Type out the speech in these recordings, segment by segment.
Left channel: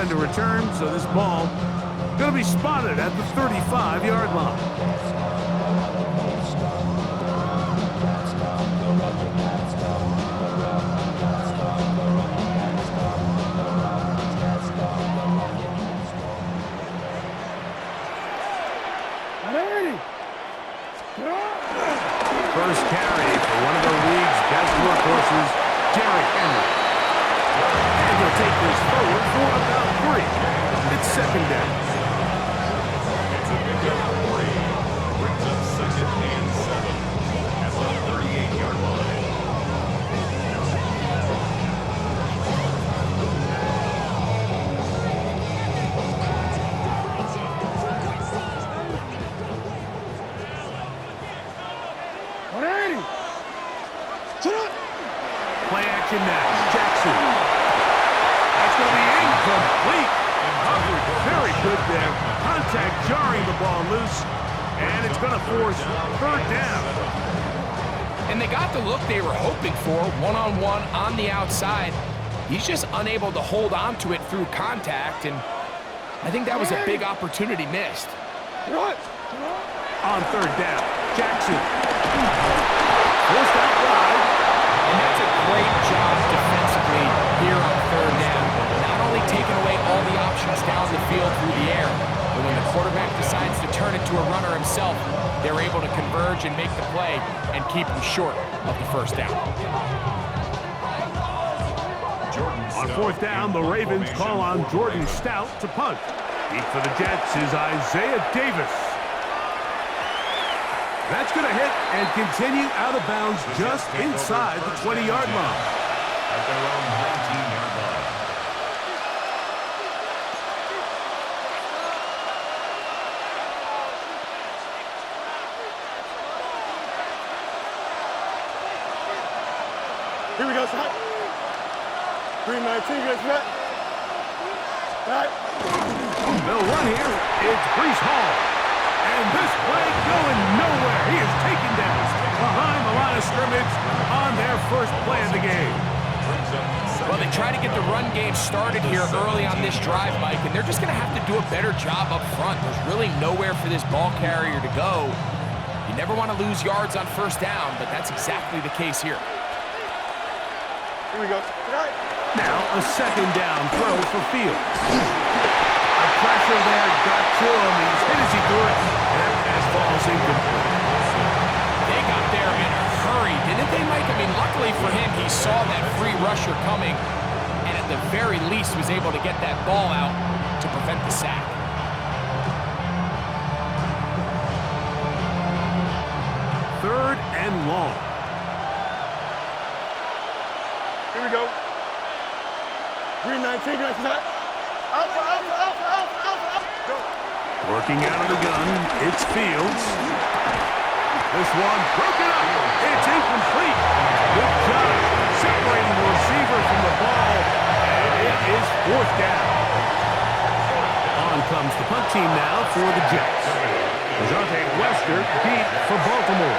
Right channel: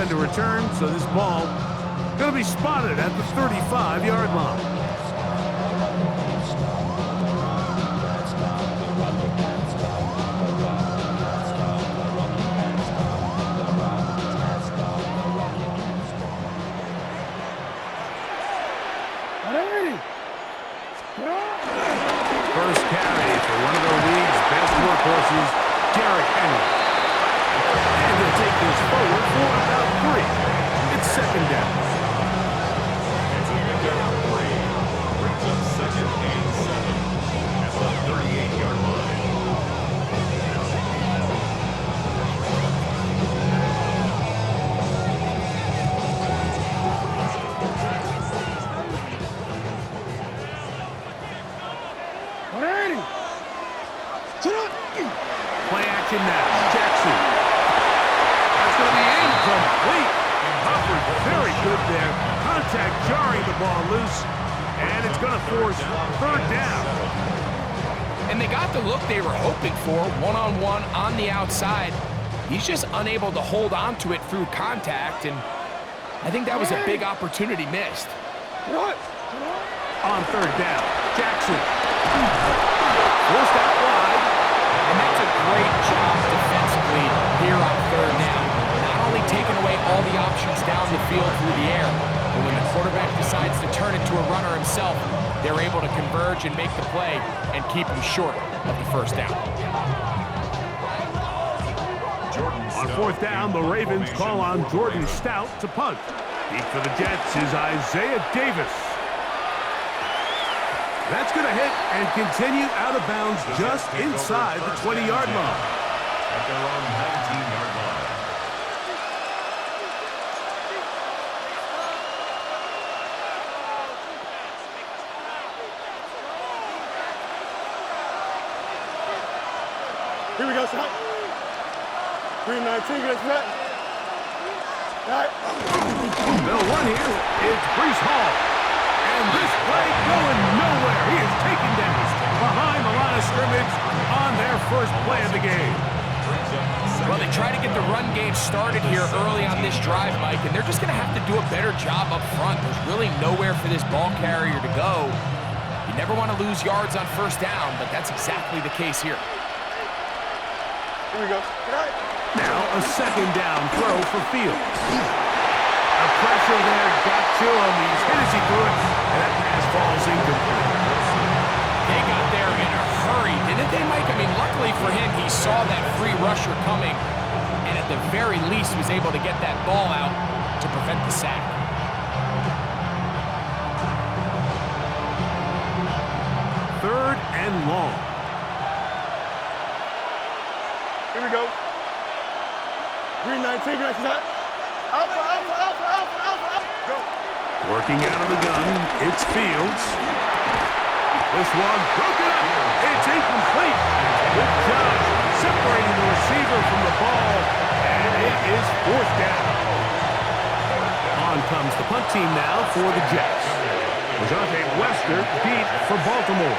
defender return, so this ball going to be spotted at the 35-yard line. First carry for one of the league's best workhorses, Derrick Henry. And he'll take this forward for about 3. It's second down. It's a pickup of 3. Brings up second and 7 at the 38-yard line. Play action now. Jackson. That's going to be incomplete. Coverage very good there. Contact jarring the ball loose. And it's going to force third down. And they got the look they were hoping for, one-on-one on the outside. He's just unable to hold on to it through contact, and I think that was a big opportunity missed. On third down, Jackson. Forced out wide. And that's a great job defensively here on third down. Not only taking away all the options down the field through the air, but when the quarterback decides to turn it to a runner himself, they're able to converge and make the play and keep him short of the first down. On fourth down, the Ravens call on Jordan Stout to punt. Deep for the Jets is Isaiah Davis. That's going to hit and continue out of bounds just inside the 20-yard line. At their own 19-yard line. Here we go, Scott. 319, good set. Right. They'll run here. It's Breece Hall. And this play going nowhere. He is taken down behind the line of scrimmage on their first play of the game. Well, they try to get the run game started here early on this drive, Mike, and they're just going to have to do a better job up front. There's really nowhere for this ball carrier to go. You never want to lose yards on first down, but that's exactly the case here. Here we go. Right. Now a second down throw for Fields. The pressure there got to him. He's hit as he threw it, and that pass falls incomplete. They got there in a hurry, didn't they, Mike? I mean, luckily for him, he saw that free rusher coming, and at the very least was able to get that ball out to prevent the sack. Third and long. Here we go. 319, good set. Alpha, alpha, alpha, alpha, alpha, alpha. Go. Working out of the gun, it's Fields. This one broken up. It's incomplete. Good job separating the receiver from the ball, and it is fourth down. On comes the punt team now for the Jets. Lejante Wester deep for Baltimore.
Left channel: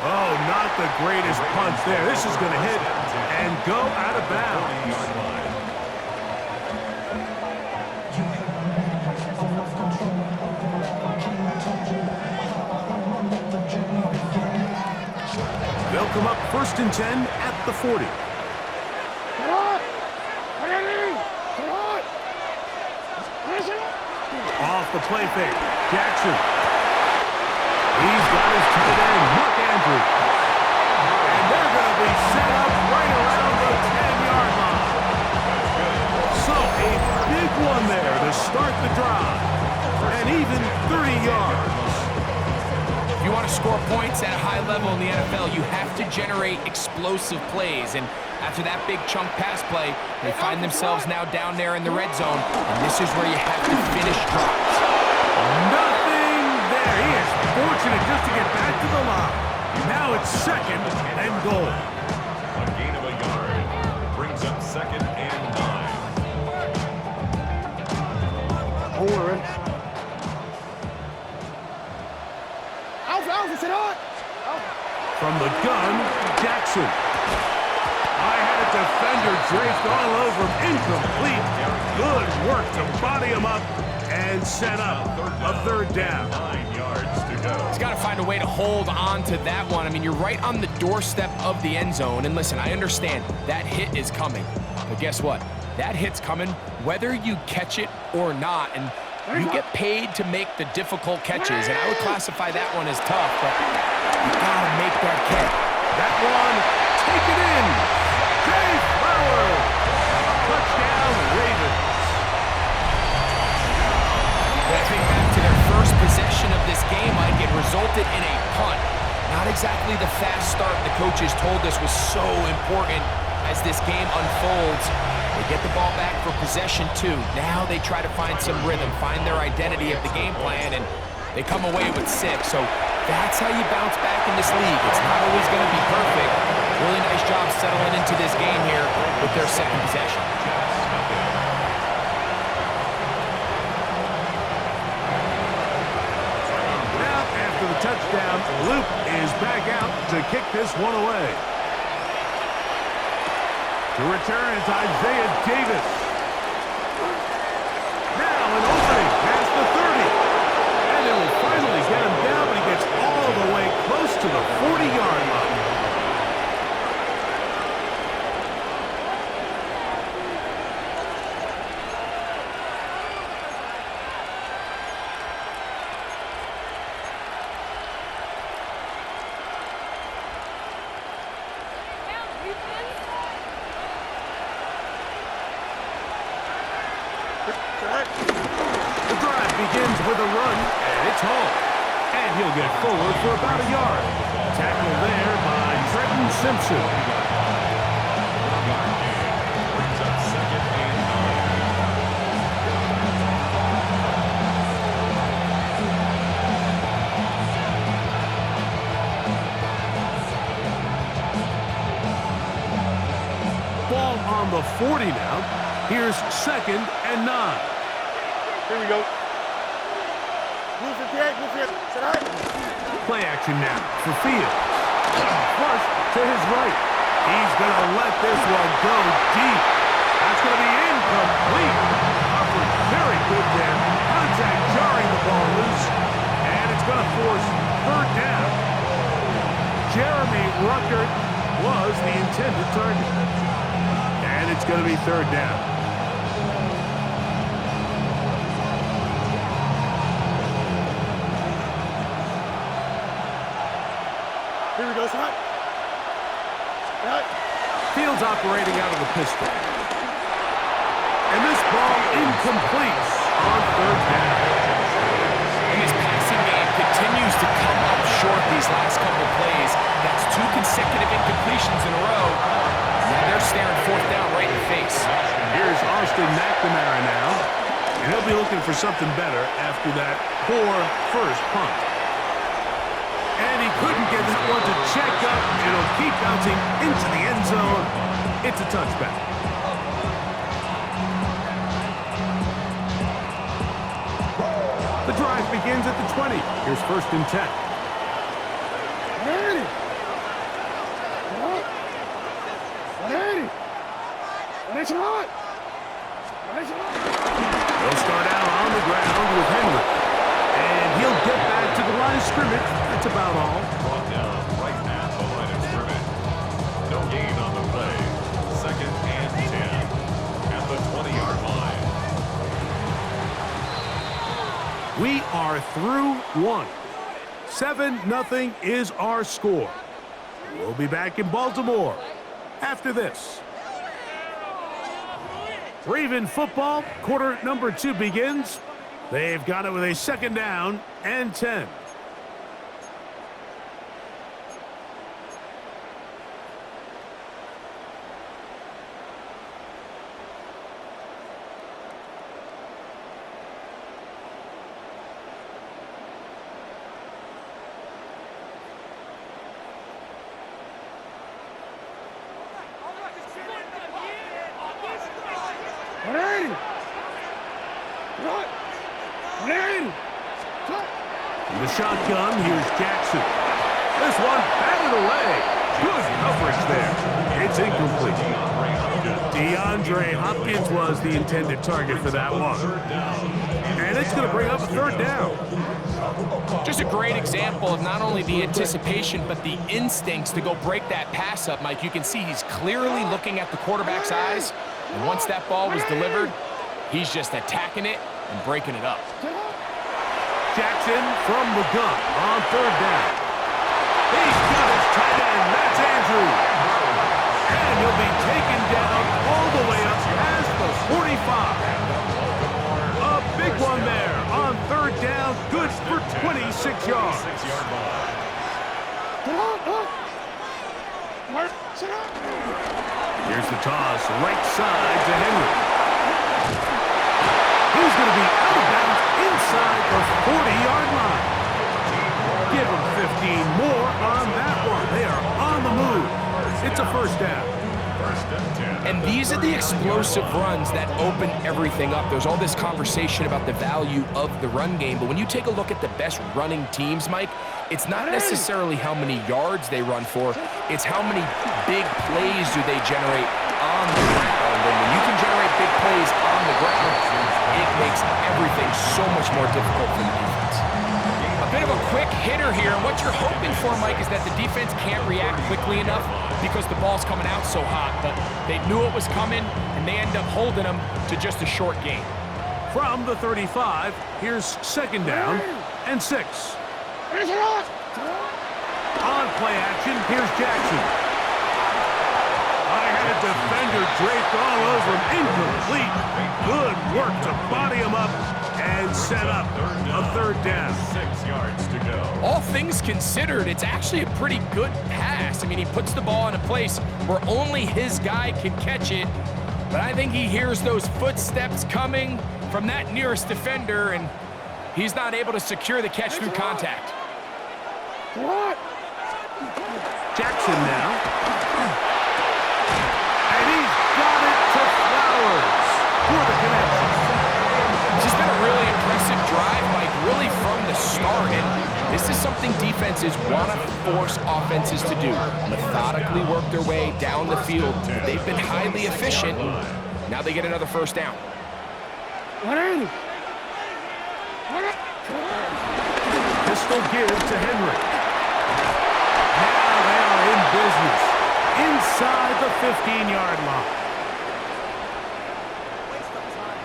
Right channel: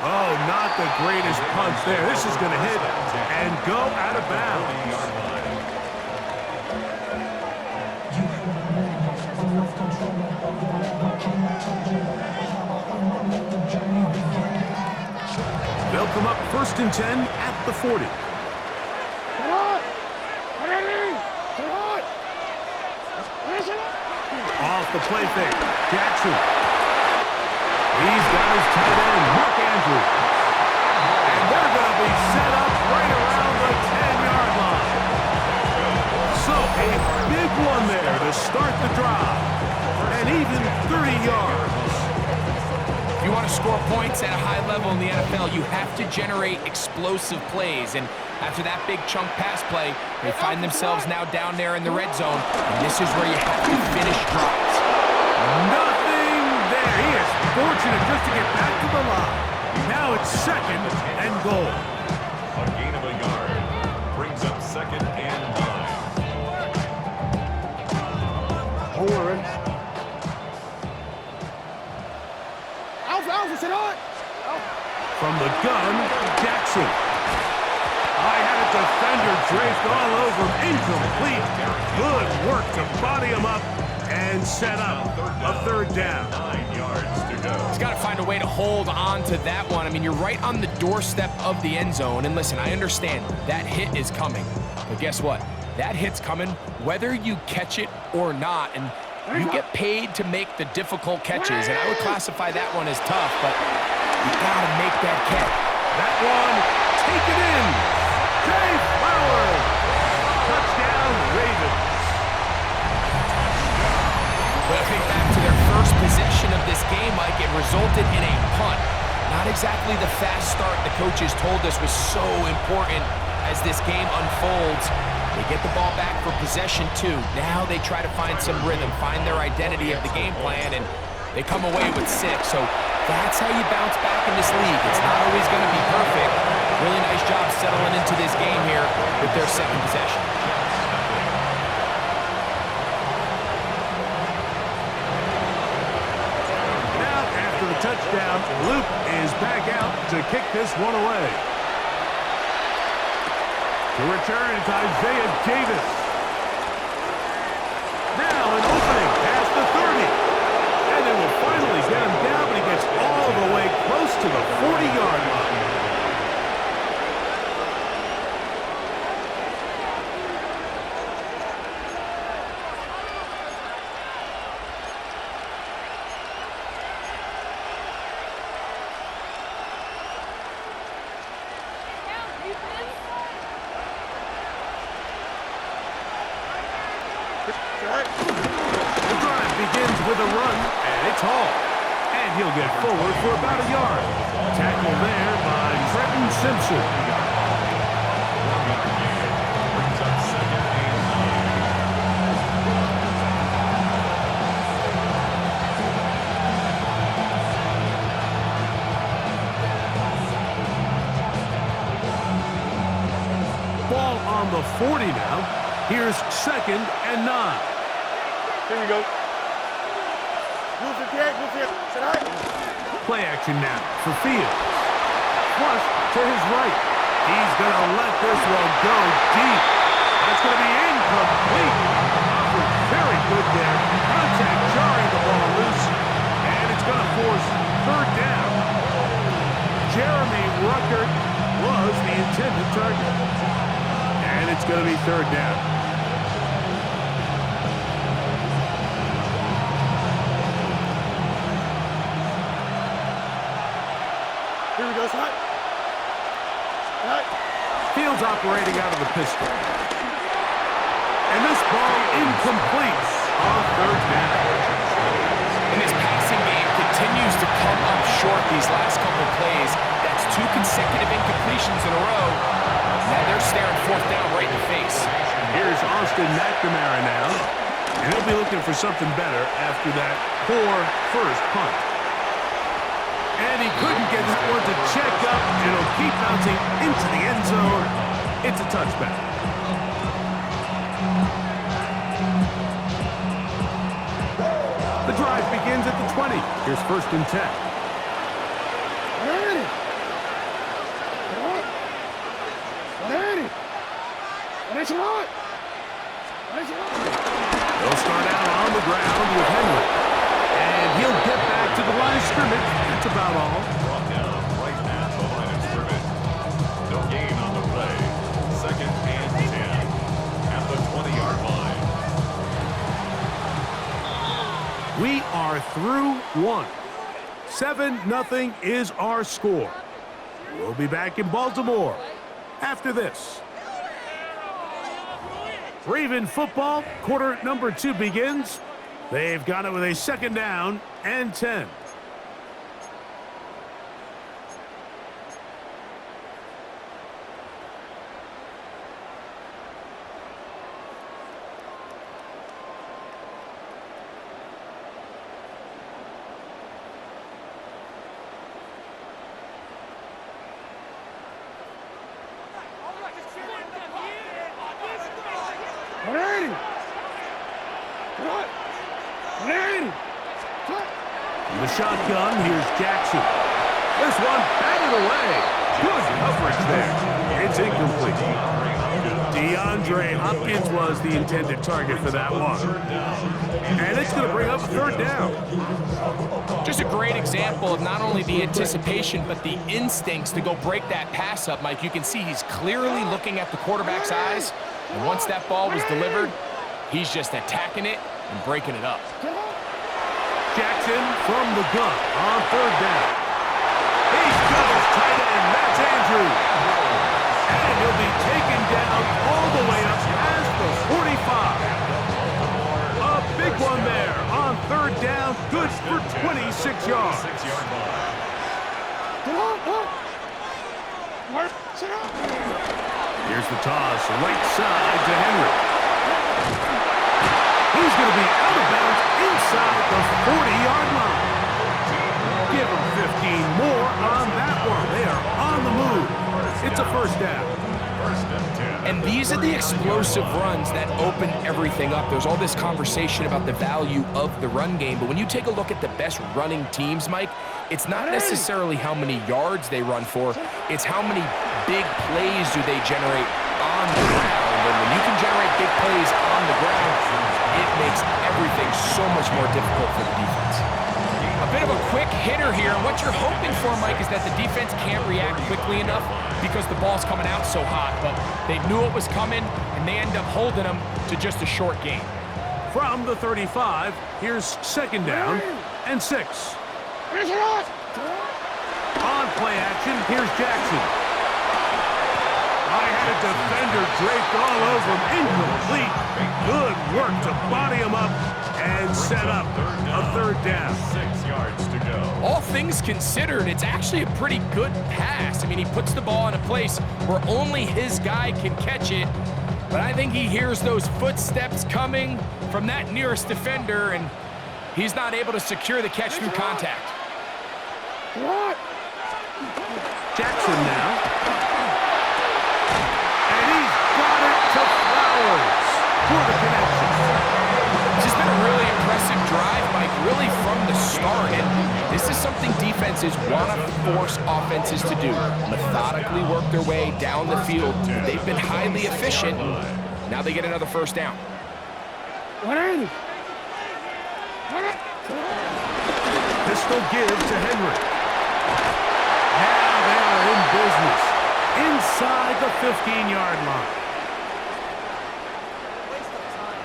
Oh, not the greatest punch there. This is going to hit and go out of bounds. They'll come up first and 10 at the 40. Off the play fake, Jackson. He's got his tight end, Mark Andrews. And they're going to be set up right around the 10-yard line. So a big one there to start the drive. And even 30 yards. If you want to score points at a high level in the NFL, you have to generate explosive plays. And after that big chunk pass play, they find themselves now down there in the red zone. And this is where you have to finish drives. Nothing there. He is fortunate just to get back to the line. Now it's second and goal. A gain of a yard brings up second and 9. Don't worry. Alpha, alpha, From the gun, Jackson. I had a defender draped all over him. Incomplete. Good work to body him up and set up a third down. 9 yards to go. He's got to find a way to hold on to that one. I mean, you're right on the doorstep of the end zone. And listen, I understand that hit is coming. But guess what? That hit's coming whether you catch it or not. And you get paid to make the difficult catches. And I would classify that one as tough, but you got to make that catch. That one, take it in. Jay Flowers. Touchdown, Ravens. But I think back to their first possession of this game, Mike, it resulted in a punt. Not exactly the fast start the coaches told us was so important as this game unfolds. They get the ball back for possession 2. Now they try to find some rhythm, find their identity of the game plan, and they come away with 6. So that's how you bounce back in this league. It's not always going to be perfect. Really nice job settling into this game here with their second possession. Now, after the touchdown, Luke is back out to kick this one away. To return, it's Isaiah Davis. Now an opening past the 30. And they will finally get him down, but he gets all the way close to the 40-yard line. The drive begins with a run, and it's Hall. And he'll get forward for about a yard. Tackle there by Trenton Simpson. 1-yard gain. Brings up 2nd and 9. Ball on the 40 now. Here's 2nd and 9. Here we go. Move it there, move it. Play action now for Fields. Flush to his right. He's going to let this one go deep. That's going to be incomplete. Coverage very good there. Contact jarring the ball loose. And it's going to force 3rd down. Jeremy Ruckert was the intended target. And it's going to be 3rd down. Here we go, son. Fields operating out of the pistol. And this ball incomplete on 3rd down. And this passing game continues to come up short these last couple plays. That's 2 consecutive incompletions in a row. Now they're staring 4th down right in the face. Here's Austin McNamara now. And he'll be looking for something better after that poor first punt. And he couldn't get that one to check up. It'll keep bouncing into the end zone. It's a touchback. The drive begins at the 20. Here's 1st and 10. They'll start out on the ground with Henry. And he'll get back to the line of scrimmage. That's about all. Brought down right at the line of scrimmage. No gain on the play. 2nd and 10 at the 20-yard line. We are through 1. 7-0 is our score. We'll be back in Baltimore after this. Raven football, quarter number 2 begins. They've got it with a 2nd down and 10. The shotgun, here's Jackson. This one batted away. Good coverage there. It's incomplete. DeAndre Hopkins was the intended target for that one. And it's going to bring up a third down. Just a great example of not only the anticipation, but the instincts to go break that pass up, Mike. You can see he's clearly looking at the quarterback's eyes. And once that ball was delivered, he's just attacking it and breaking it up. Jackson from the gun on third down. He's got his tight end. That's Andrews. And he'll be taken down all the way up past the 45. A big one there on third down. Good for 26 yards. Here's the toss, right side to Henry. He's going to be out of bounds inside the 40-yard line. Give him 15 more on that one. They are on the move. It's a first down. And these are the explosive runs that open everything up. There's all this conversation about the value of the run game, but when you take a look at the best running teams, Mike, it's not necessarily how many yards they run for, it's how many big plays do they generate on the ground. And when you can generate big plays on the ground, it makes everything so much more difficult for the defense. A bit of a quick hitter here, and what you're hoping for, Mike, is that the defense can't react quickly enough because the ball's coming out so hot, but they knew it was coming, and they end up holding them to just a short gain. From the 35, here's second down and 6. On play action, here's Jackson. I had a defender draped all over him. Incomplete. Good work to body him up and set up a third down. 6 yards to go. All things considered, it's actually a pretty good pass. I mean, he puts the ball in a place where only his guy can catch it, but I think he hears those footsteps coming from that nearest defender, and he's not able to secure the catch through contact. Jackson now. And he's got it to Flowers for the connection. This has been a really impressive drive, Mike, really from the start. And this is something defenses want to force offenses to do. Methodically work their way down the field. They've been highly efficient. Now they get another first down. Pistol give to Henry. Now they are in business inside the 15-yard line. Waste of time.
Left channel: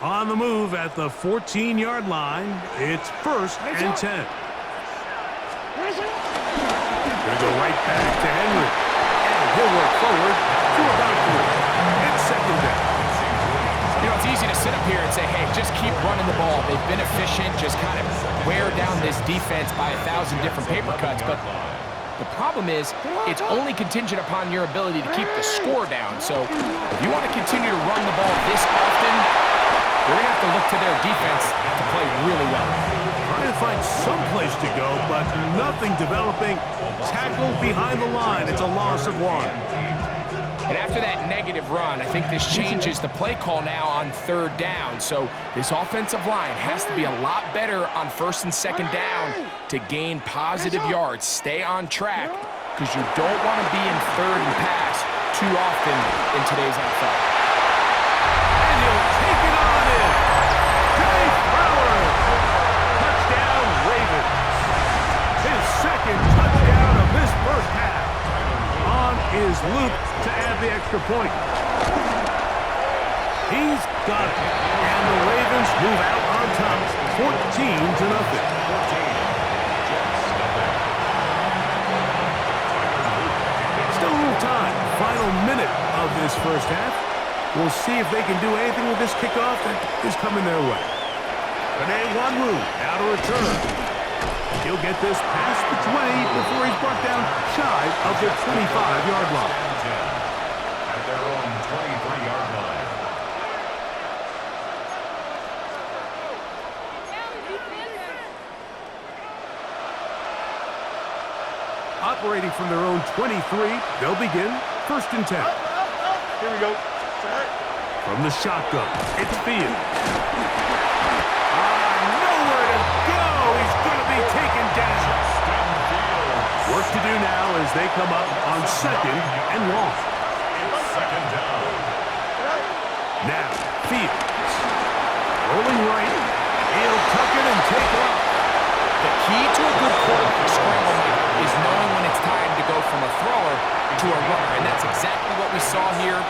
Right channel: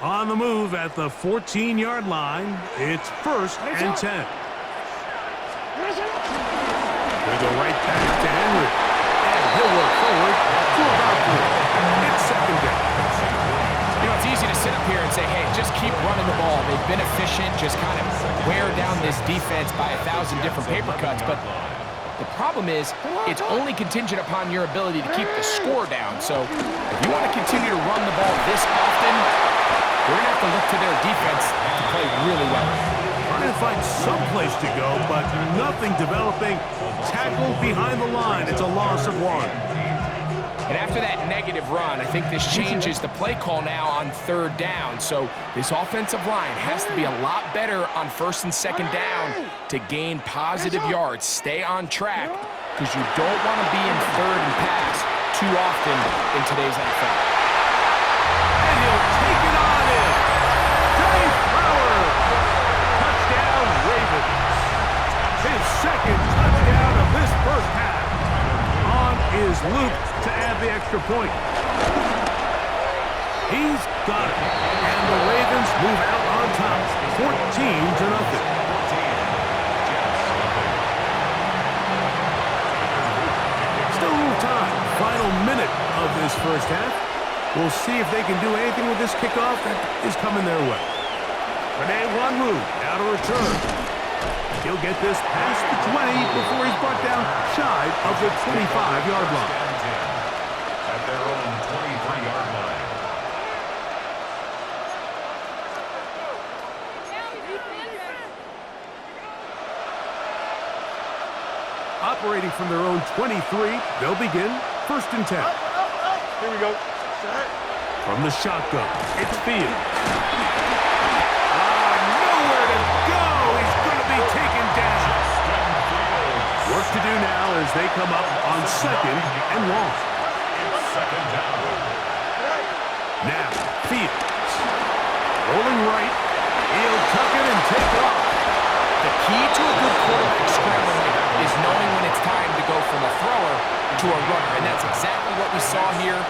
On the move at the 14-yard line, it's first and 10. Gonna go right back to Henry. And he'll work forward for about 3. It's second down. You know, it's easy to sit up here and say, hey, just keep running the ball. They've been efficient, just kind of wear down this defense by 1,000 different paper cuts. But the problem is, it's only contingent upon your ability to keep the score down. So if you want to continue to run the ball this often, they're going to have to look to their defense to play really well. Trying to find some place to go, but nothing developing. Tackled behind the line. It's a loss of 1. And after that negative run, I think this changes the play call now on third down. So this offensive line has to be a lot better on first and second down to gain positive yards. Stay on track, because you don't want to be in third and pass too often in today's NFL. And he'll take it on in. Dave Flowers. Touchdown, Ravens. His second touchdown of this first half. On is Luke to add the extra point. He's got it. And the Ravens move out on top, 14-0. Still a little time. Final minute of this first half. We'll see if they can do anything with this kickoff that is coming their way. Rene Wanwu now to return. He'll get this past the 20 before he's brought down shy of the 25-yard line. At their own 23-yard line. Operating from their own 23, they'll begin first and 10. Here we go. Set. From the shotgun, it's Fields. Nowhere to go. He's going to be taken down. Work to do now as they come up on 2nd and long. It's 2nd down. Now, Fields. Rolling right. He'll tuck it and take off. The key to a good quarterback scramble, Mike, is knowing when it's time to go from a thrower to a runner, and that's exactly what we saw here.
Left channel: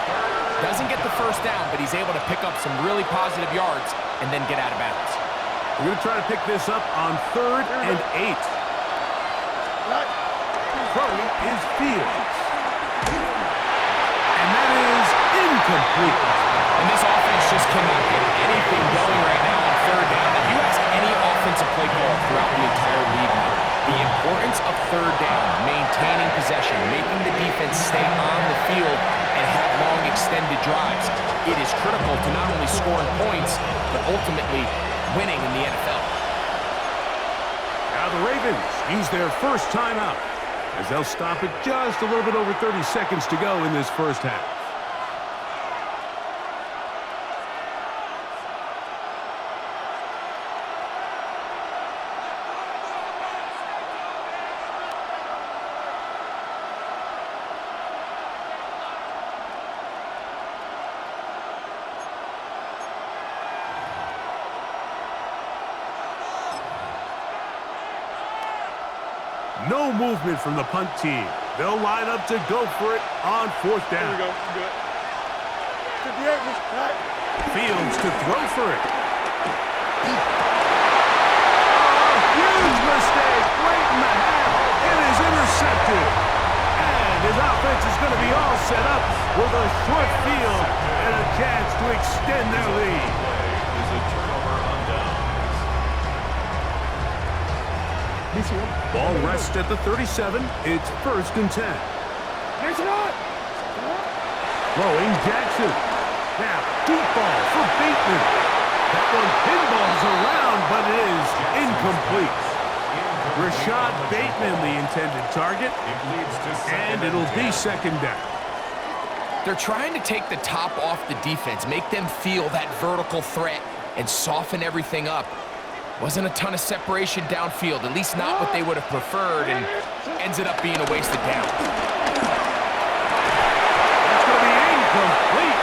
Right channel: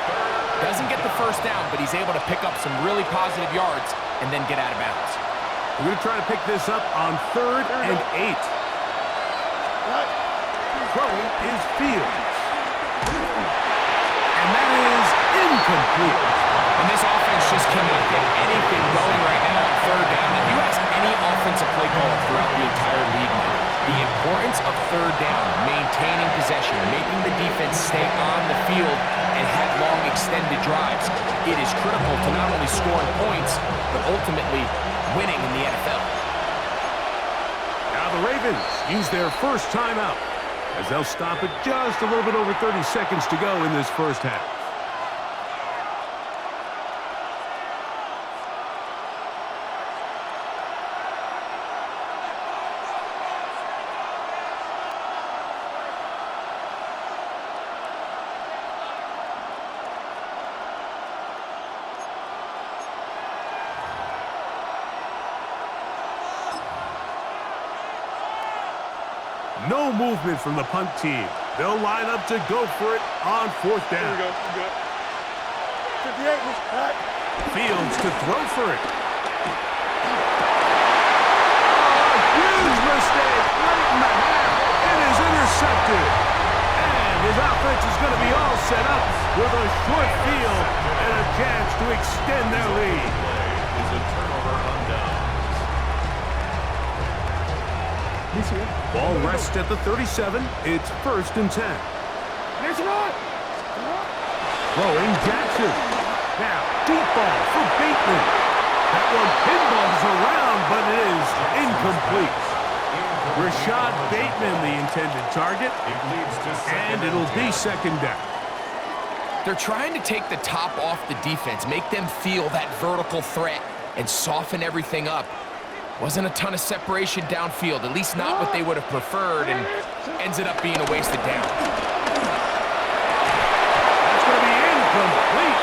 Doesn't get the first down, but he's able to pick up some really positive yards and then get out of bounds. We're going to try to pick this up on 3rd and 8. Throwing is Fields. And that is incomplete. And this offense just cannot get anything going right now on 3rd down. If you ask any offensive play caller throughout the entire league, the importance of 3rd down, maintaining possession, making the defense stay on the field and have long extended drives, it is critical to not only scoring points, but ultimately winning in the NFL. Now the Ravens use their first timeout as they'll stop it just a little bit over 30 seconds to go in this first half. No movement from the punt team. They'll line up to go for it on 4th down. Here we go. We're good. 58. All right. Fields to throw for it. Oh, huge mistake late in the half. It is intercepted. And his offense is going to be all set up with a short field and a chance to extend their lead. Play is a turnover on downs. Ball rests at the 37. It's 1st and 10. Throwing Jackson. Now, deep ball for Bateman. That one pinballs around, but it is incomplete. Rashad Bateman, the intended target, and it'll be 2nd down. They're trying to take the top off the defense, make them feel that vertical threat, and soften everything up. Wasn't a ton of separation downfield, at least not what they would have preferred, and ends it up being a wasted down. That's going to be incomplete.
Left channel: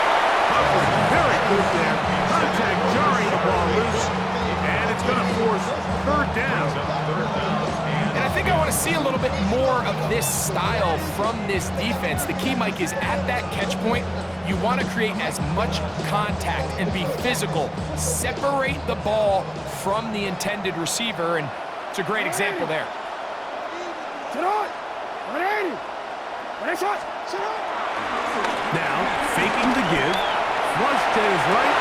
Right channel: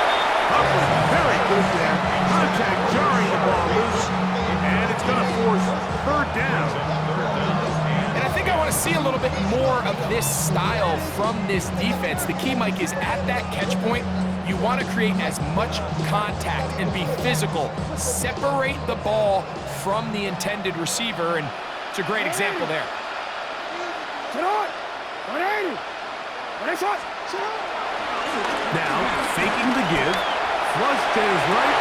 Coverage very good there. Contact jarring the ball loose, and it's going to force 3rd down. And I think I want to see a little bit more of this style from this defense. The key, Mike, is at that catch point, you want to create as much contact and be physical. Separate the ball from the intended receiver, and it's a great example there. Now, faking the give, flush to his right,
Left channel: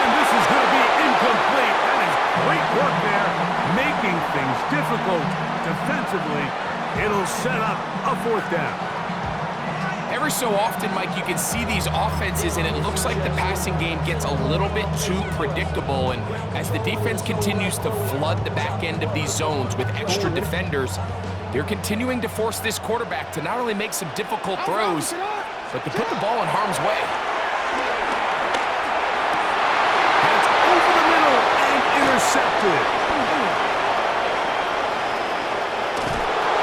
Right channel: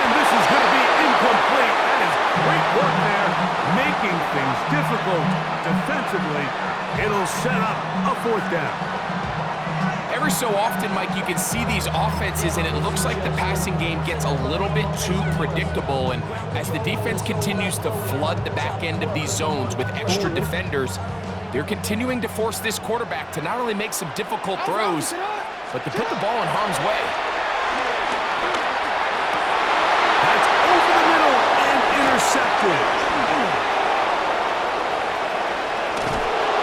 and this is going to be incomplete. That is great work there, making things difficult defensively. It'll set up a 4th down. Every so often, Mike, you can see these offenses, and it looks like the passing game gets a little bit too predictable. And as the defense continues to flood the back end of these zones with extra defenders, they're continuing to force this quarterback to not only make some difficult throws, but to put the ball in harm's way. That's over the middle and intercepted.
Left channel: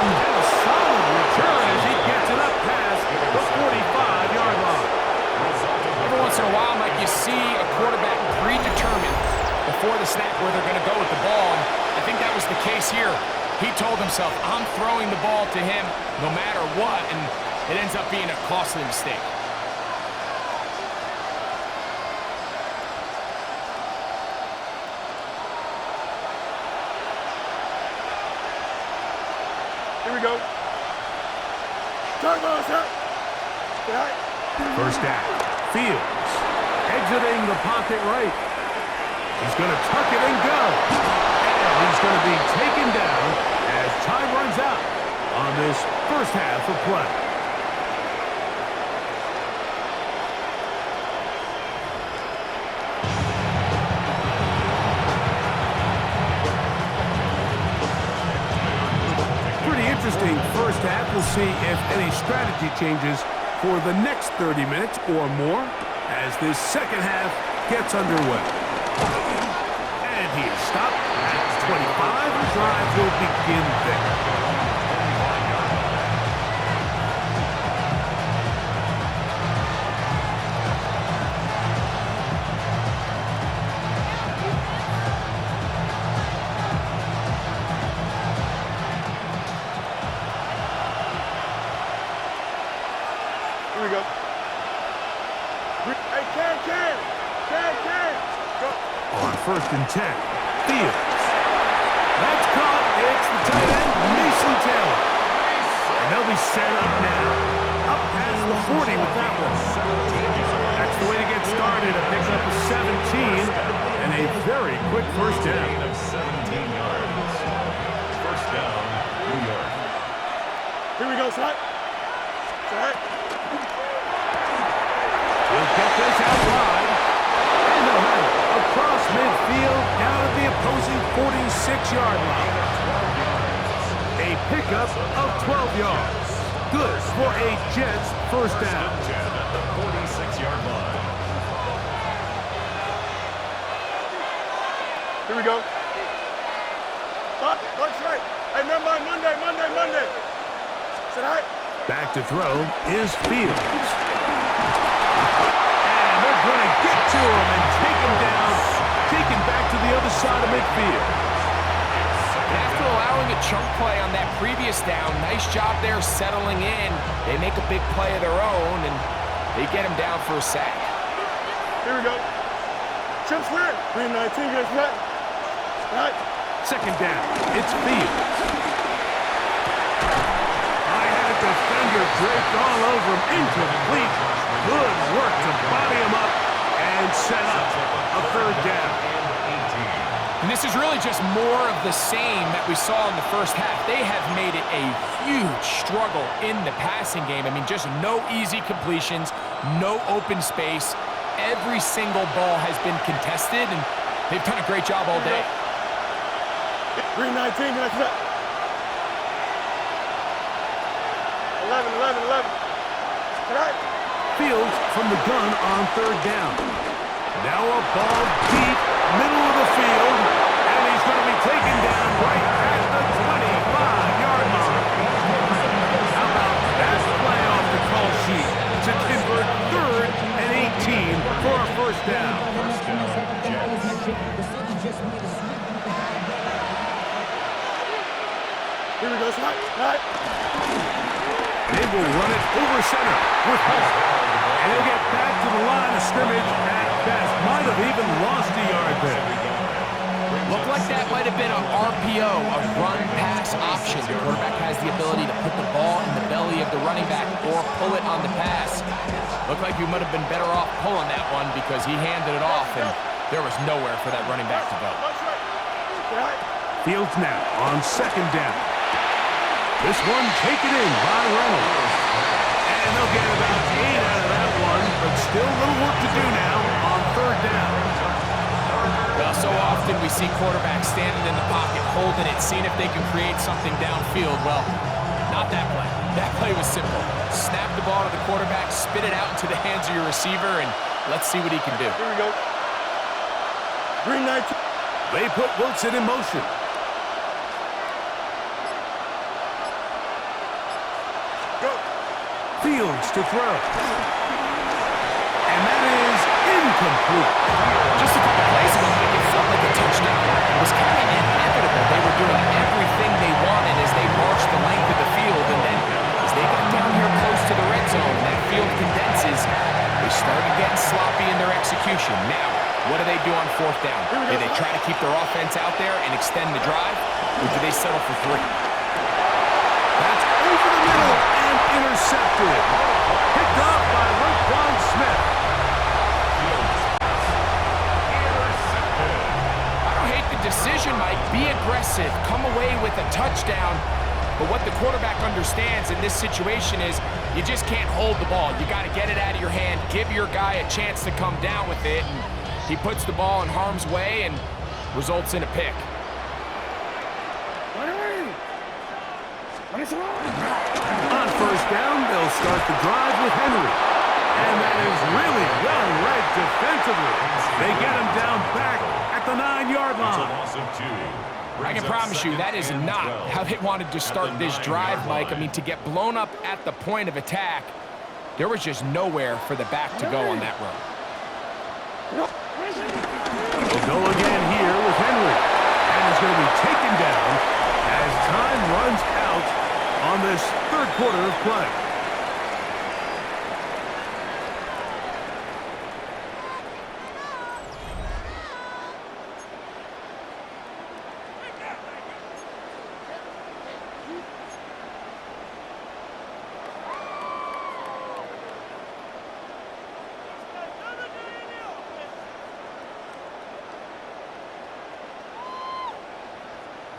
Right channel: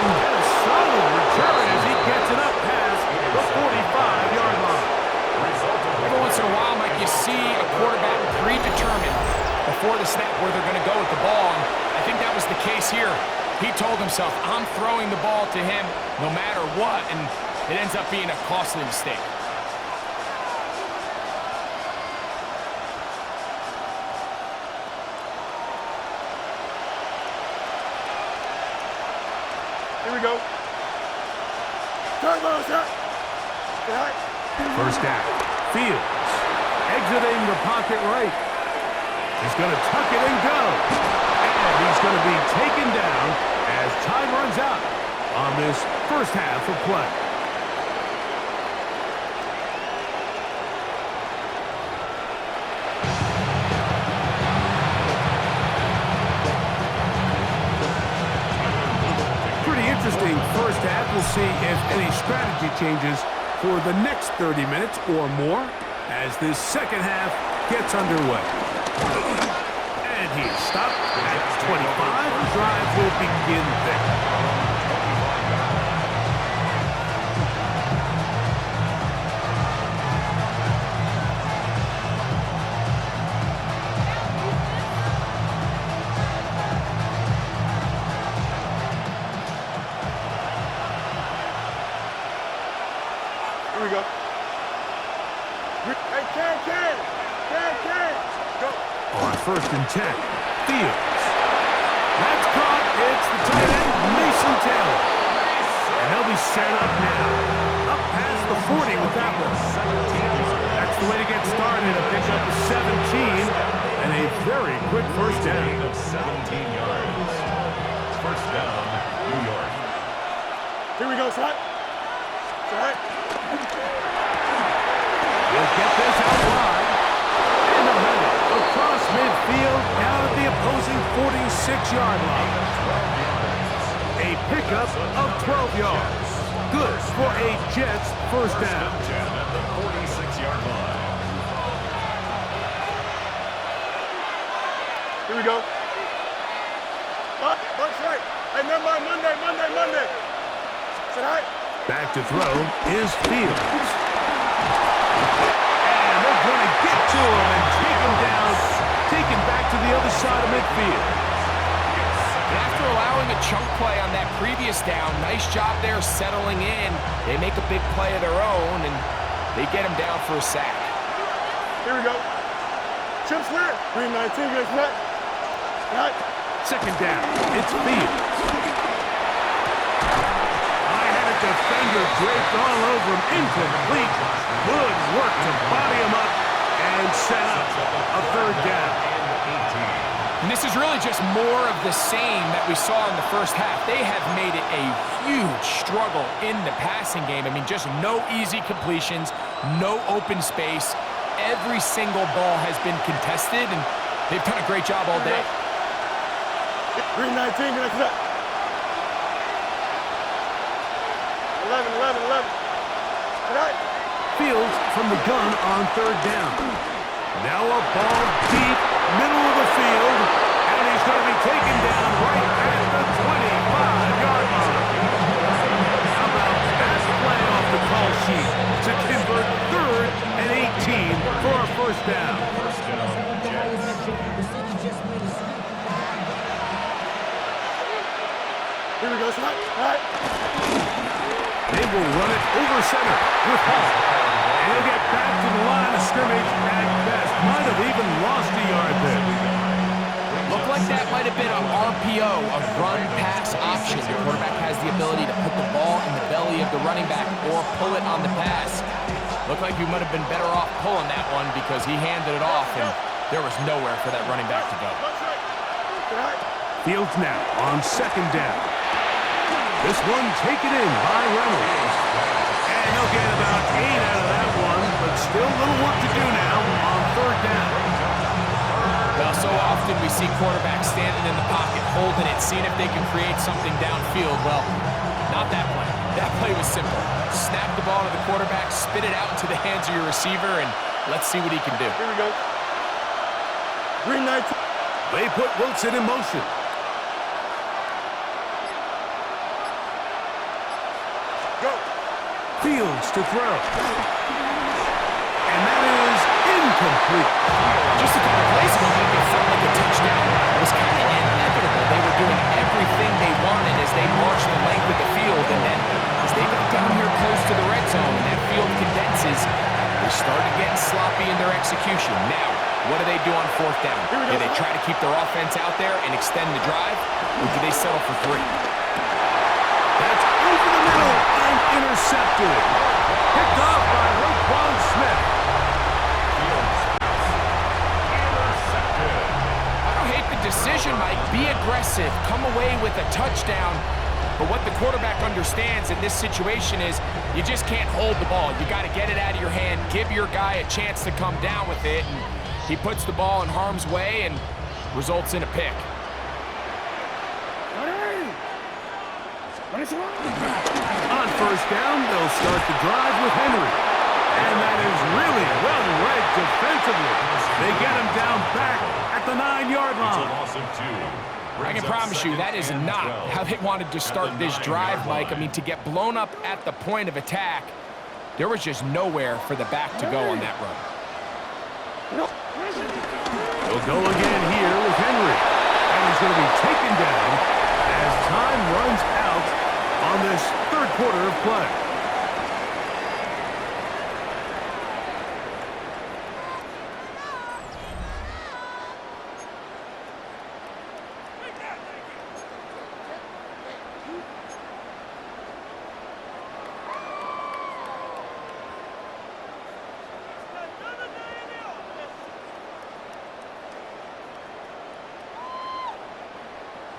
And a solid return as he gets it up past the 45-yard line. Every once in a while, Mike, you see a quarterback predetermined before the snap where they're going to go with the ball, and I think that was the case here. He told himself, I'm throwing the ball to him no matter what, and it ends up being a costly mistake. Here we go. Turbo, sir. First down. Fields exiting the pocket right. He's going to tuck it and go. And he's going to be taken down as time runs out on this first half of play. Pretty interesting first half. We'll see if any strategy changes for the next 30 minutes or more. as this second half gets underway. And he is stopped at 25. The drive will begin there. Here we go. Hey, Can. Go. On 1st and 10, Fields. That's caught. It's the tight end, Mason Taylor. And they'll be set up now. Up past the 40 with that one. That's the way to get started. A pickup of 17 and a very quick first down. Gain of 17 yards. First down, New York. Here we go, Shot. He'll get this out wide. And they'll have it across midfield down at the opposing 46-yard line. A pickup of 12 yards. Good for a Jets first down. At the 46-yard line. Here we go. Bunch right. Hey, never mind. Monday. Sit high. Back to throw is Fields. And they're going to get to him and take him down, taken back to the other side of midfield. After allowing a chunk play on that previous down, nice job there settling in. They make a big play of their own, and they get him down for a sack. Here we go. Chips clear. 319, guys. Right. Second down, it's Fields. Defender draped all over him, incomplete. Good work to body him up and set up a third down. And this is really just more of the same that we saw in the first half. They have made it a huge struggle in the passing game. I mean, just no easy completions, no open space. Every single ball has been contested, and they've done a great job all day. 319, guys. 11. Fields from the gun on third down. Now a ball deep, middle of the field, and he's going to be taken down right at the 25-yard line. How about that play off the call sheet to convert 3rd and 18 for a first down? Here we go, Shot. They will run it over center with Hall. And he'll get back to the line of scrimmage at best. Might have even lost a yard there. Looked like that might have been an RPO, a run-pass option. The quarterback has the ability to put the ball in the belly of the running back or pull it on the pass. Looked like you might have been better off pulling that one because he handed it off, and there was nowhere for that running back to go. Fields now on second down. This one taken in by Reynolds. And they'll get about 8 out of that one, but still a little work to do now on third down. Well, so often we see quarterbacks standing in the pocket, holding it, seeing if they can create something downfield. Well, not that play. That play was simple. Snap the ball to the quarterback, spit it out into the hands of your receiver, and let's see what he can do. Here we go. 319. They put Wilson in motion. Go. Fields to throw. And that is incomplete. Just a couple plays ago, it felt like a touchdown. It was kind of inevitable. They were doing everything they wanted as they marched the length of the field, and then as they got down here close to the red zone and that field condenses, they started getting sloppy in their execution. Now, what do they do on fourth down? Do they try to keep their offense out there and extend the drive, or do they settle for 3? That's over the middle and intercepted. Picked off by Roquan Smith. I don't hate the decision, Mike. Be aggressive. Come away with a touchdown. But what the quarterback understands in this situation is you just can't hold the ball. You got to get it out of your hand, give your guy a chance to come down with it, and he puts the ball in harm's way and results in a pick. On first down, they'll start the drive with Henry. And that is really well read defensively. They get him down back at the 9-yard It's a line. loss of 2. I can promise you that is not how they wanted to start this drive, Mike. I mean, to get blown up at the point of attack, there was just nowhere for the back to go on that run. He'll go again here with Henry. And he's going to be taken down as time runs out on this third quarter of play.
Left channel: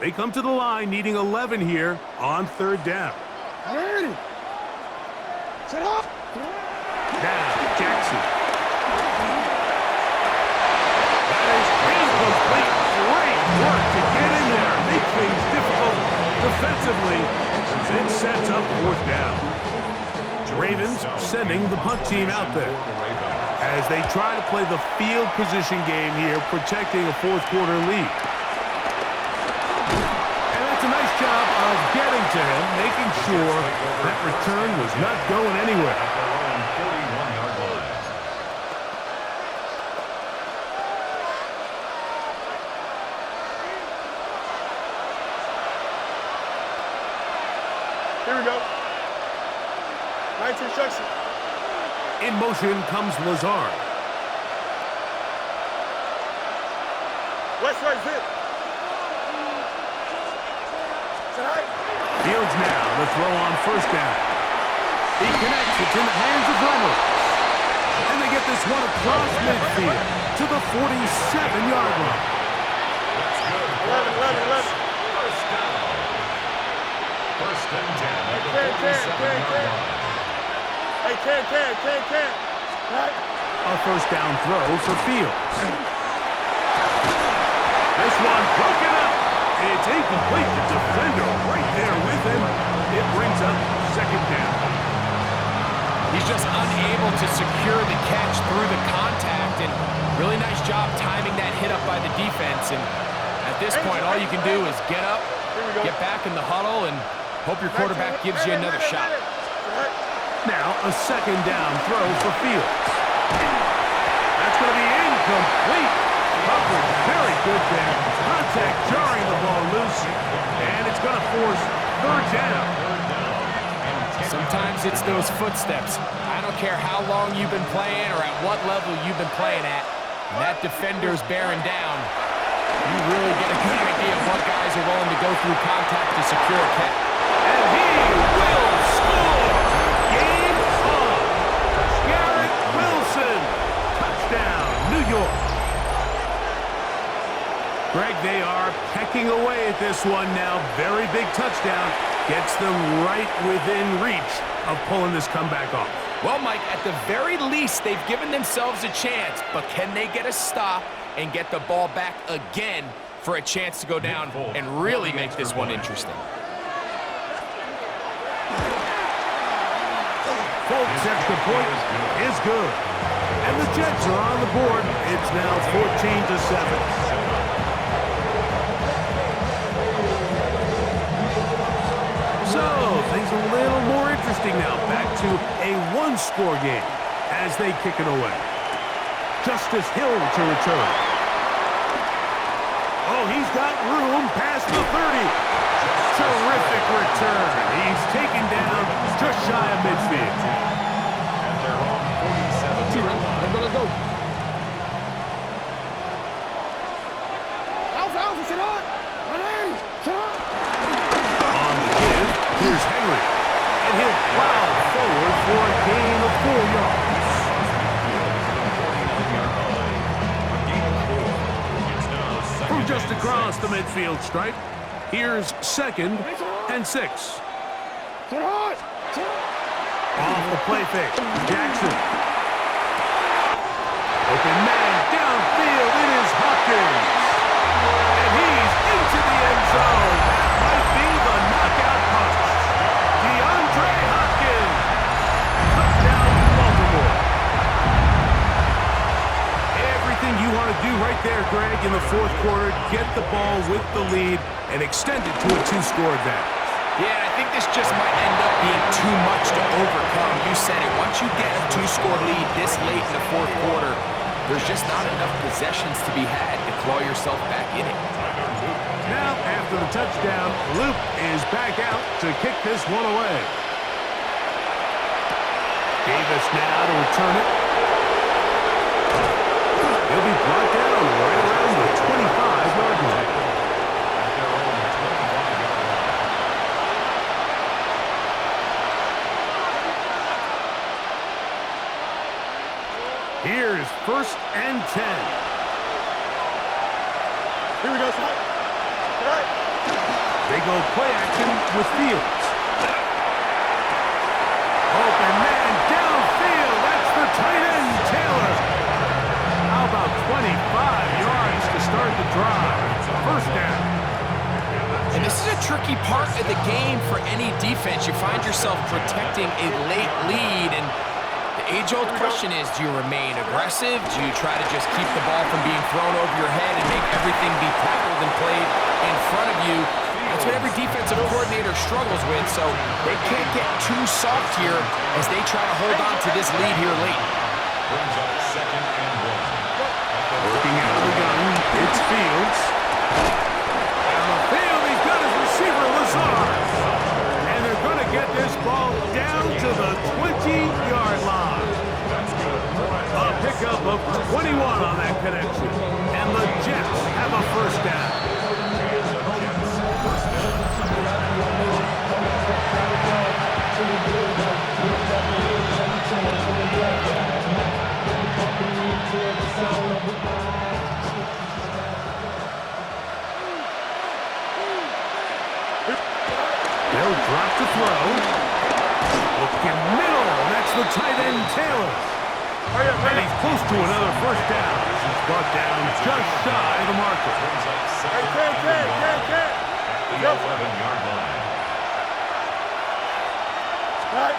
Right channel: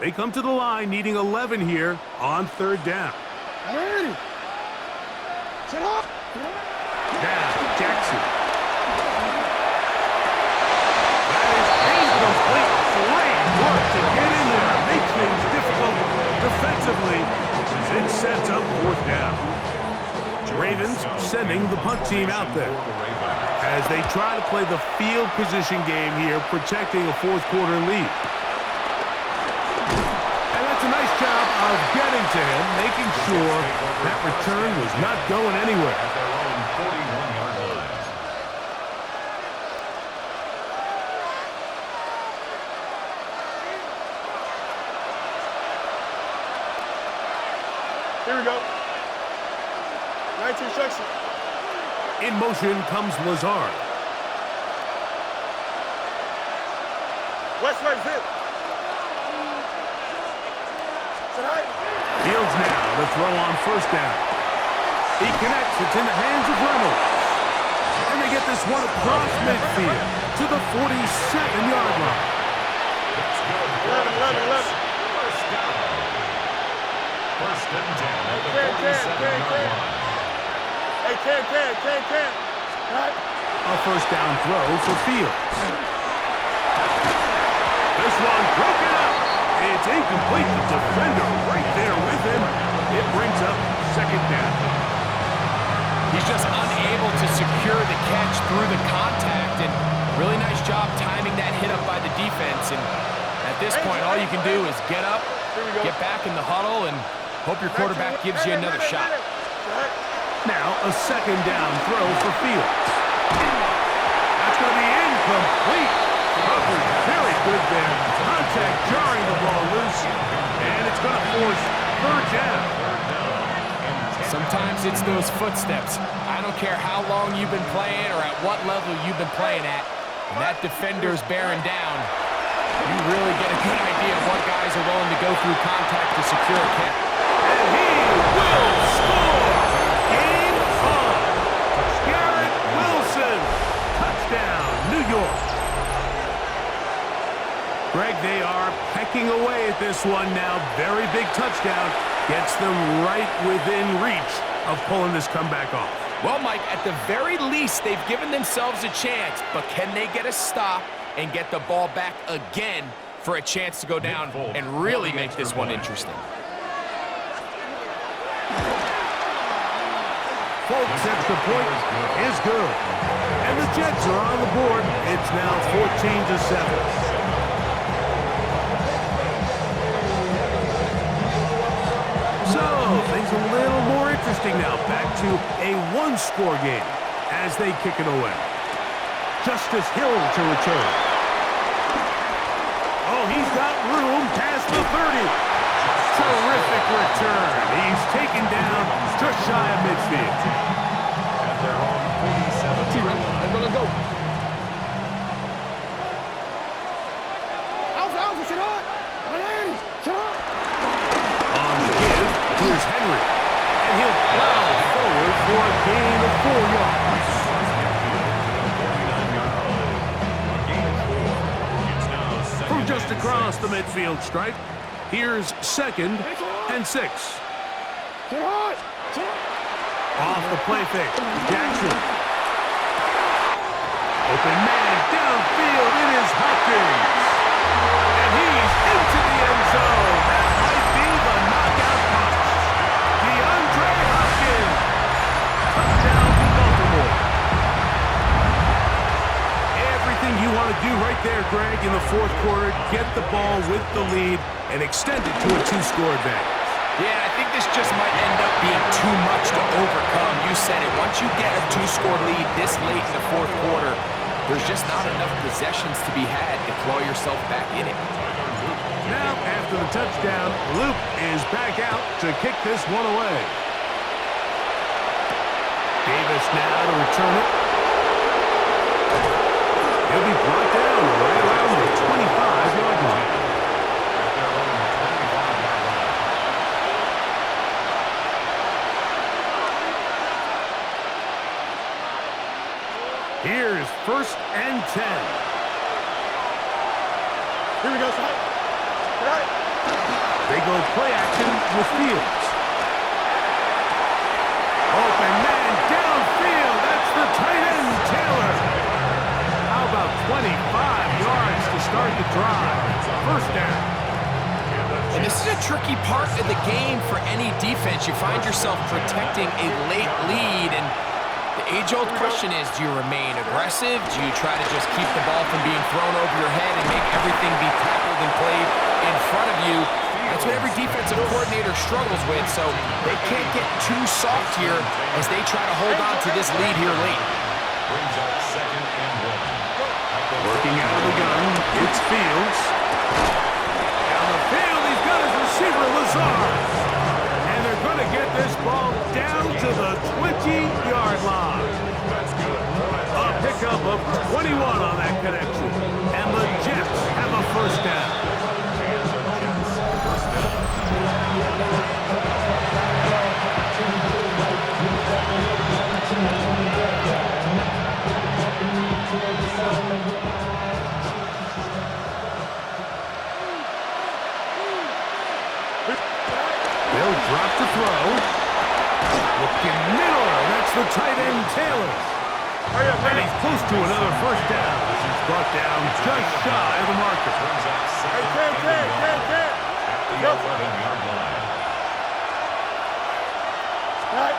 They come to the line needing 11 here on third down. Ready. Set up. Now, Jackson. That is incomplete. Great work to get in there. Make things difficult defensively as it sets up fourth down. Ravens sending the punt team out there as they try to play the field position game here, protecting a fourth quarter lead. And that's a nice job of getting to him, making sure that return was not going anywhere. At their own 41-yard line. Here we go. 19 instruction. In motion comes Lazard. West right zip. Set high. Fields now the throw on first down. He connects. It's in the hands of Reynolds. And they get this one across midfield to the 47-yard line. That's good. 11. First down. First and 10 at the Hey, 47-yard line. Hey, can. Right. A first down throw for Fields. This one broken up. It's incomplete. The defender right there with him. It brings up second down. He's just unable to secure the catch through the contact, and really nice job timing that hit up by the defense. And at this point, all you can do is get up, get back in the huddle, and hope your quarterback gives you another shot. Now a second down throw for Fields. That's going to be incomplete. Coverage very good there. Contact jarring the ball loose, and it's going to force third down. Sometimes it's those footsteps. I don't care how long you've been playing or at what level you've been playing at. When that defender's bearing down, you really get a good idea of what guys are willing to go through contact to secure a catch. And he will score! Game on! Garrett Wilson! Touchdown, New York! Greg, they are pecking away at this one now. Very big touchdown. Gets them right within reach of pulling this comeback off. Well, Mike, at the very least, they've given themselves a chance, but can they get a stop and get the ball back again for a chance to go down and really make this one interesting? Folks' extra point is good. And the Jets are on the board. It's now 14-7. So, things a little more interesting now. Back to a one-score game as they kick it away. Justice Hill to return. Oh, he's got room past the 30. Terrific return. He's taken down just shy of midfield. At their own 47-yard line. Let's go. Alpha, sit on. 180. Sit on. On the give, here's Henry. And he'll plow forward for a gain of 4 yards. Across midfield to the 49-yard line. A gain of 4. It's now second From just and across 6. the midfield stripe, here's 2nd and 6. Sit on. Off the play fake, Jackson. Open man downfield, it is Hopkins. And he's into the end zone. That might be the knockout punch. DeAndre Hopkins. Touchdown, Baltimore. ball with the lead and extend it to a two-score advantage. Yeah, and I think this just might end up being too much to overcome. You said it. Once you get a two-score lead this late in the fourth quarter, there's just not enough possessions to be had to claw yourself back in it. Now, after the touchdown, Luke is back out to kick this one away. Davis now to return it. He'll be brought down right around the 25-yard line. At their own 25-yard line. Here's 1st and 10. Here we go, Spike. Right. They go play action with Fields. Open man downfield. That's the tight end, Taylor. How about 25 yards to start the drive? 1st down. And this is a tricky part of the game for any defense. You find yourself protecting a late lead, and the age-old question is, do you remain aggressive? Do you try to just keep the ball from being thrown over your head and make everything be tackled and played in front of you? That's what every defensive coordinator struggles with, so they can't get too soft here as they try to hold on to this lead here late. Brings up 2nd and 1. Working out of the gun, it's Fields. Down the field, he's got his receiver, Lazard. And they're going to get this ball down to the 20-yard line. A pickup of 21 on that connection. And the Jets have a 1st down. They'll drop to throw. Looking middle. That's the tight end, Taylor. And he's close to another 1st down as he's brought down just shy of the marker. Brings up 2nd Hey, at the 11-yard line. Right.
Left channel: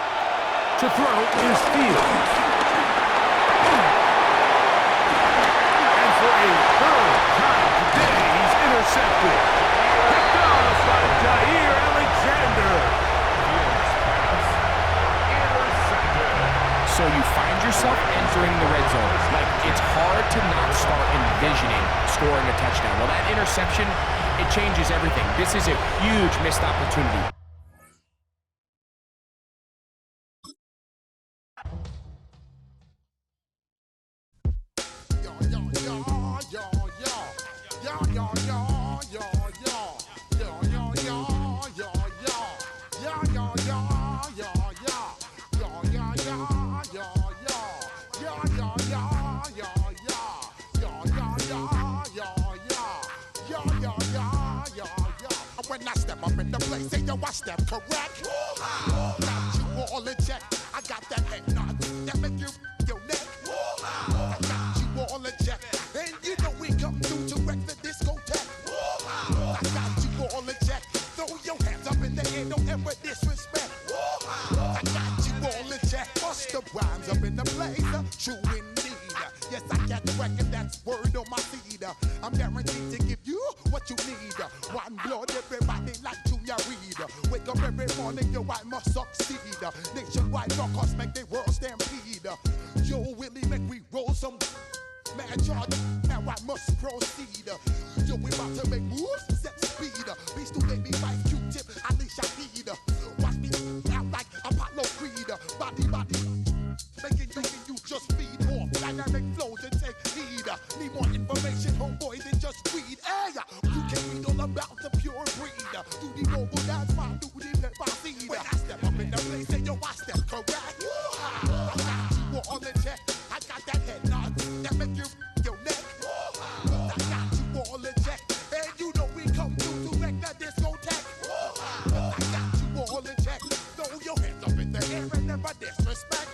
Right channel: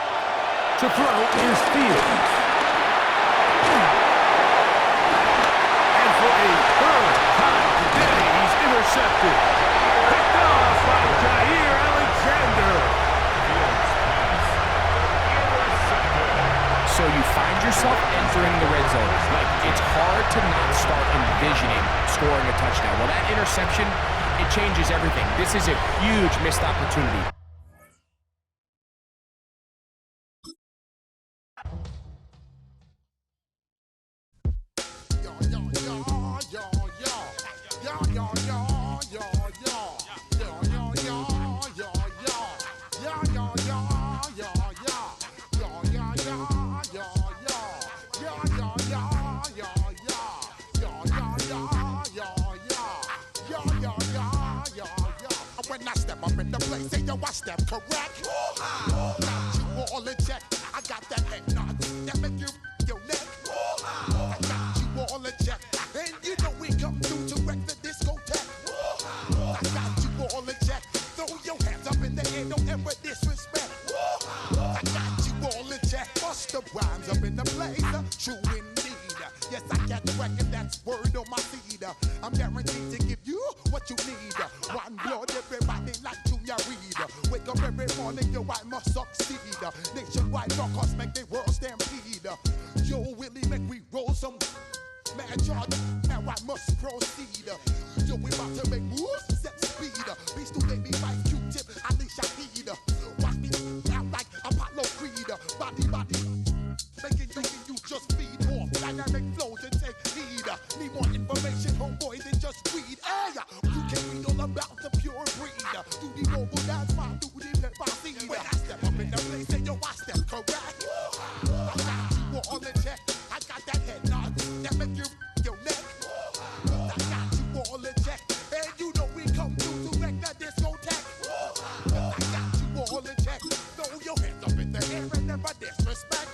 To throw is Fields. And for a 3rd time today, he's intercepted. Picked off by Jair Alexander. Fields pass. Intercepted. So you find yourself entering the red zone. Like, it's hard to not start envisioning scoring a touchdown. Well, that interception, it changes everything. This is a huge missed opportunity. When I step up in the place, say yo, I step correct. Got you all in check. I got that head nod that make you your neck. I got you all in check, and you know we come through to wreck the discotheque. I got you all in check. Throw your hands up in the air, don't ever disrespect. I got you all in check. Bust the rhymes up in the place, true indeed. Yes, I got the record, that's word on my seed. I'm guaranteed to give you what you need. One blood, everybody like Junior Reed. Wake up every morning, yo, I must succeed. Nationwide rockers make the world stampede. Yo, Willie, make we roll some mad charge. Now I must proceed. Yo, we about to make moves, set speed. Beast to baby, Vice Q-tip, Ali Shaheed. Watch me out like Apollo Creed. Body, making you just feed off dynamic flows and take heed. Need more information, homeboy, than just read. Hey, you can read all about the pure breed. Do the noble dance, my duty, let my seed. When I step up in the place, say yo, I step correct. I got you all in check. I got that head nod that make you your neck. I got you all in check, and you know we come through to wreck the discotheque. I got you all in check. Throw your hands up in the air and never disrespect.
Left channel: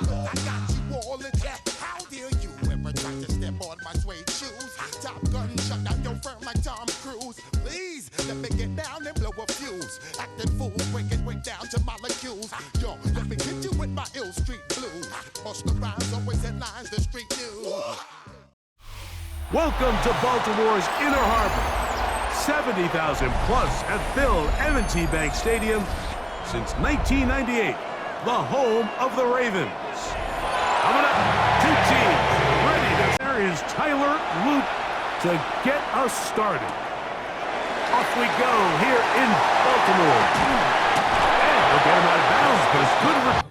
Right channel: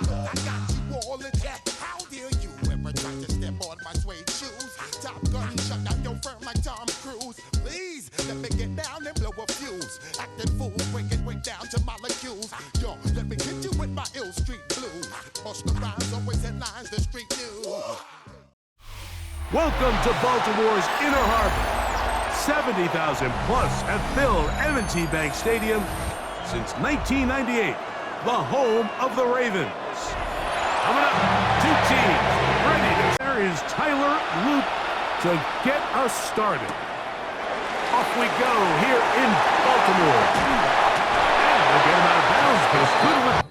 I got you all in check. How dare you ever try to step on my suede shoes? Top Gun shut down your firm like Tom Cruise. Please let me get down and blow a fuse. Acting fool, break it way down to molecules. Yo, let me hit you with my ill street blues. Bust the rhymes, always headlines, the street news. Welcome to Baltimore's Inner Harbor. 70,000 plus have filled M&T Bank Stadium since 1998, the home of the Ravens. Coming up, two teams ready to... There is Tyler Loop to get us started. Off we go here in Baltimore. And they'll get him out of bounds, but it's good.